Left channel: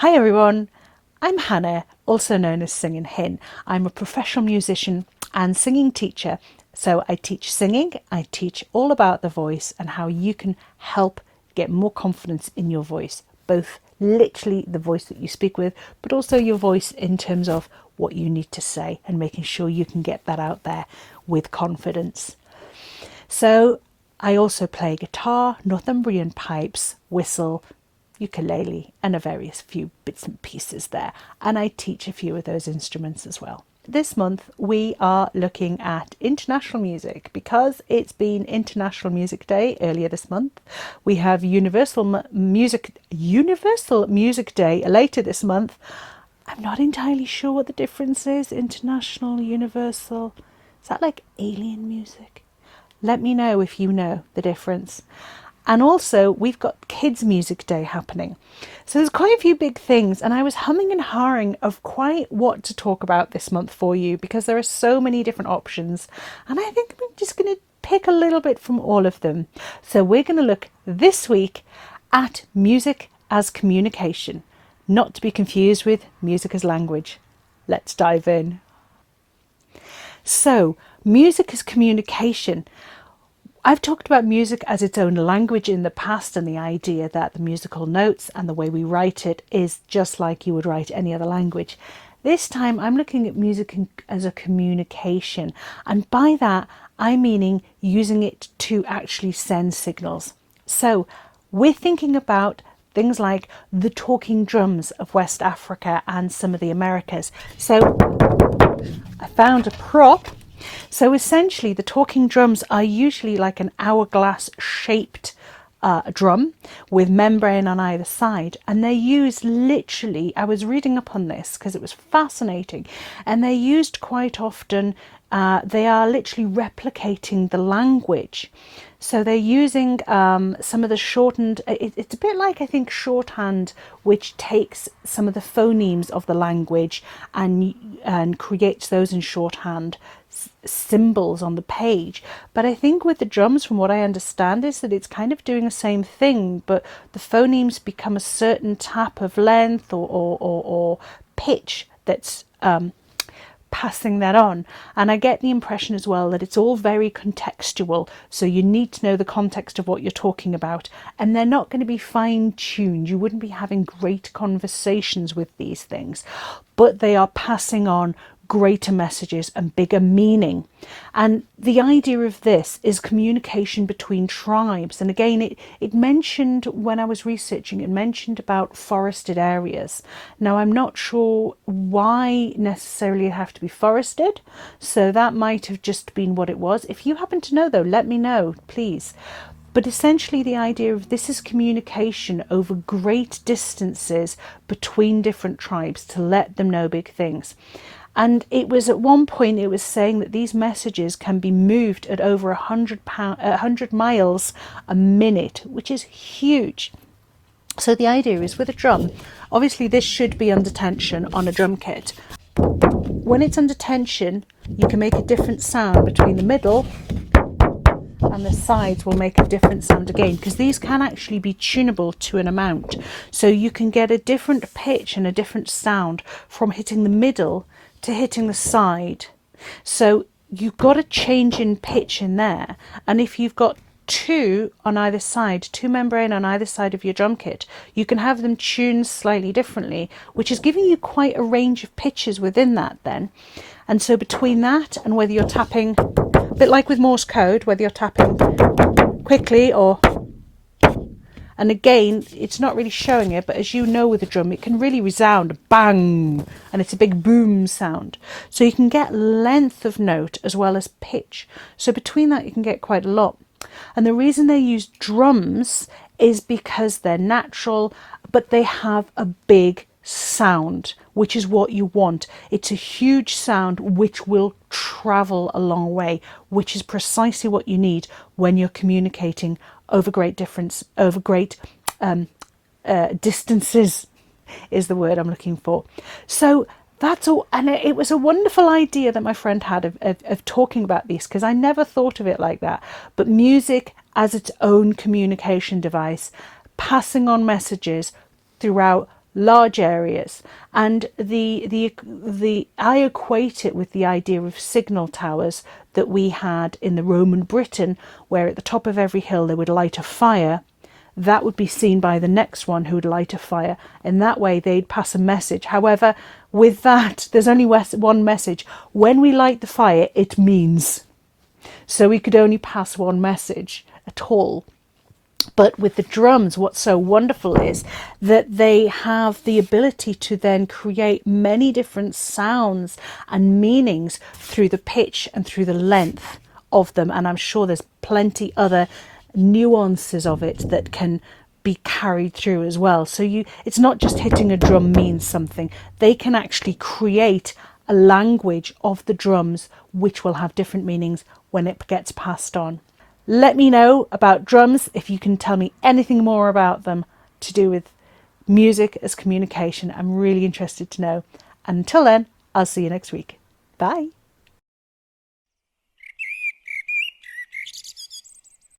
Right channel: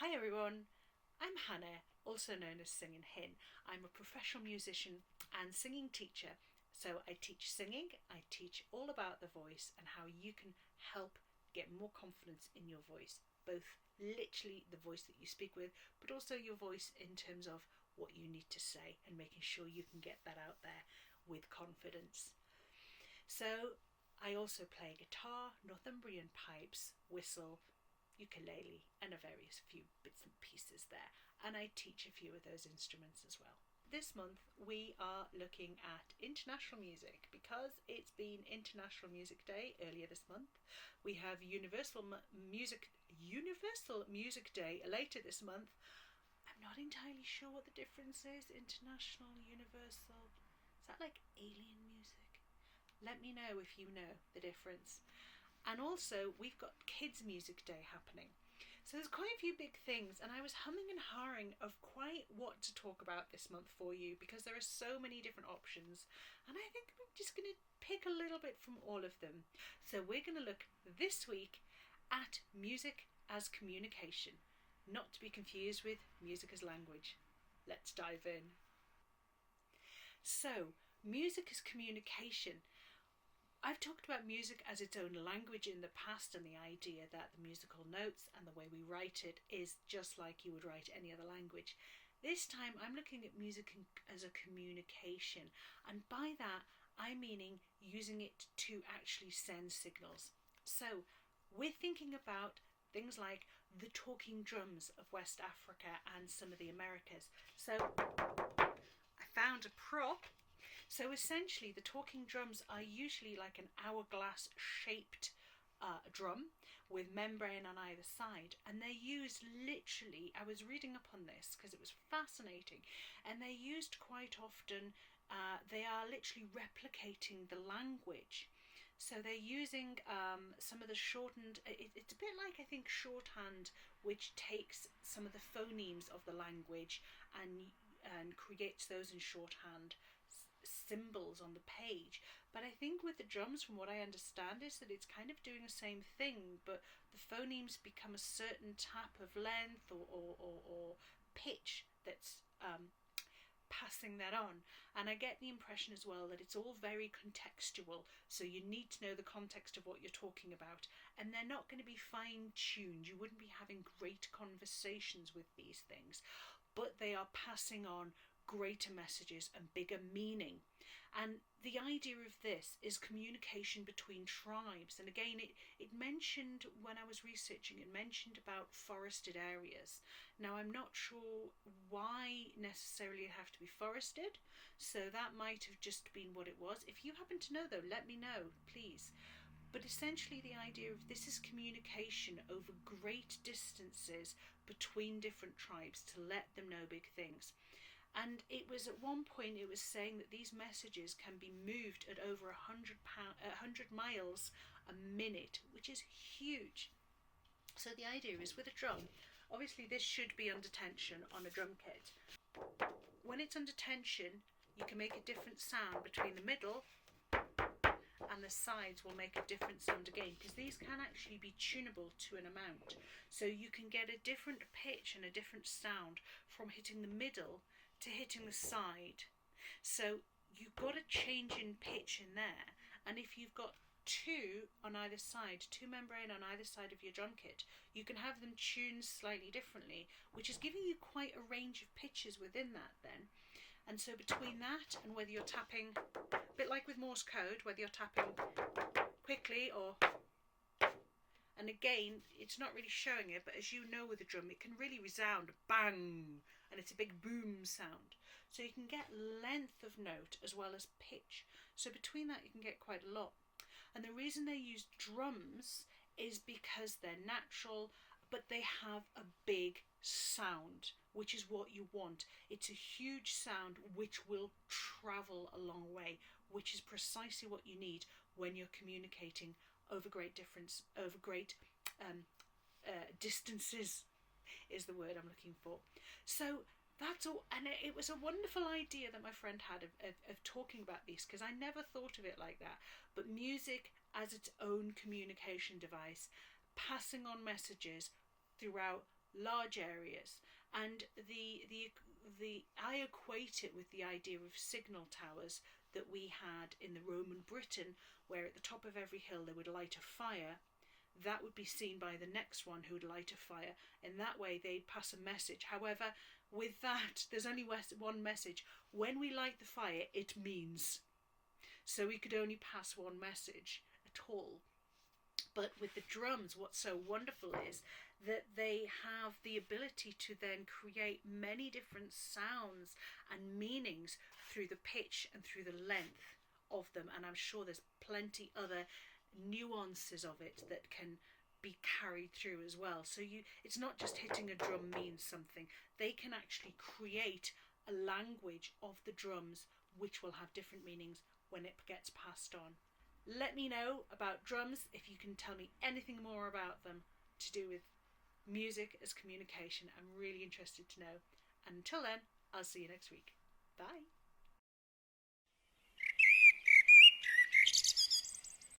Hi everyone, I'm Hannah, also known as Singing Hin. I'm a professional musician and singing teacher. So I teach singing, I teach all about the voice and how you can help get more confidence in your voice, both literally the voice that you speak with, but also your voice in terms of what you need to say and making sure you can get that out there with confidence. So I also play guitar, Northumbrian pipes, whistle, ukulele, and a various few bits and pieces there. And I teach a few of those instruments as well. This month we are looking at international music because it's been International Music Day earlier this month. We have Universal Music Day later this month. I'm not entirely sure what the difference is. International, universal. Is that like alien music? Let me know if you know the difference. And also, we've got Kids Music Day happening. So there's quite a few big things, and I was humming and hawing of quite what to talk about this month for you because there are so many different options. And I think I'm just going to pick a little bit from all of them. So we're going to look this week at music as communication, not to be confused with music as language. Let's dive in. So, music as communication. I've talked about music as its own language in the past and the idea that the musical notes and the way we write it is just like you would write any other language. This time I'm looking at music as a communication, and by that I'm meaning using it to actually send signals. So we're thinking about things like the talking drums of West Africa and some of the Americas. So I found a prop. So essentially, the talking drums are usually like an hourglass shaped drum with membrane on either side, and they're used literally. I was reading up on this because it was fascinating, and they're used quite often. They are literally replicating the language. So they're using some of the shortened, it's a bit like, I think, shorthand, which takes some of the phonemes of the language and creates those in shorthand symbols on the page. But I think with the drums, from what I understand, is that it's kind of doing the same thing, but the phonemes become a certain tap of length or pitch that's passing that on. And I get the impression as well that it's all very contextual, so you need to know the context of what you're talking about, and they're not going to be fine-tuned. You wouldn't be having great conversations with these things, but they are passing on greater messages and bigger meaning. And the idea of this is communication between tribes. And again, it mentioned, when I was researching, it mentioned about forested areas. Now, I'm not sure why necessarily it have to be forested, so that might have just been what it was. If you happen to know though, let me know, please. But essentially the idea of this is communication over great distances between different tribes to let them know big things. And it was at one point, it was saying that these messages can be moved at over 100 miles a minute, which is huge. So the idea is with a drum, obviously this should be under tension on a drum kit. When it's under tension, you can make a different sound between the middle and the sides will make a different sound again, because these can actually be tunable to an amount. So you can get a different pitch and a different sound from hitting the middle to hitting the side. So you've got a change in pitch in there, and if you've got two on either side, two membrane on either side of your drum kit, you can have them tuned slightly differently, which is giving you quite a range of pitches within that then. And so between that and whether you're tapping, a bit like with Morse code, whether you're tapping quickly or, and again, it's not really showing it, but as you know with a drum, it can really resound bang, and it's a big boom sound. So you can get length of note as well as pitch. So between that, you can get quite a lot. And the reason they use drums is because they're natural, but they have a big sound, which is what you want. It's a huge sound which will travel a long way, which is precisely what you need when you're communicating over great distances is the word I'm looking for. So that's all. And it was a wonderful idea that my friend had of talking about these, because I never thought of it like that. But music as its own communication device, passing on messages throughout large areas. And the I equate it with the idea of signal towers that we had in the Roman Britain, where at the top of every hill they would light a fire. That would be seen by the next one who would light a fire. In that way, they'd pass a message. However, with that, there's only one message. When we light the fire, it means. So we could only pass one message at all. But with the drums, what's so wonderful is that they have the ability to then create many different sounds and meanings through the pitch and through the length of them. And I'm sure there's plenty other nuances of it that can be carried through as well. So it's not just hitting a drum means something. They can actually create a language of the drums which will have different meanings when it gets passed on. Let me know about drums if you can tell me anything more about them to do with music as communication. I'm really interested to know. And until then, I'll see you next week. Bye.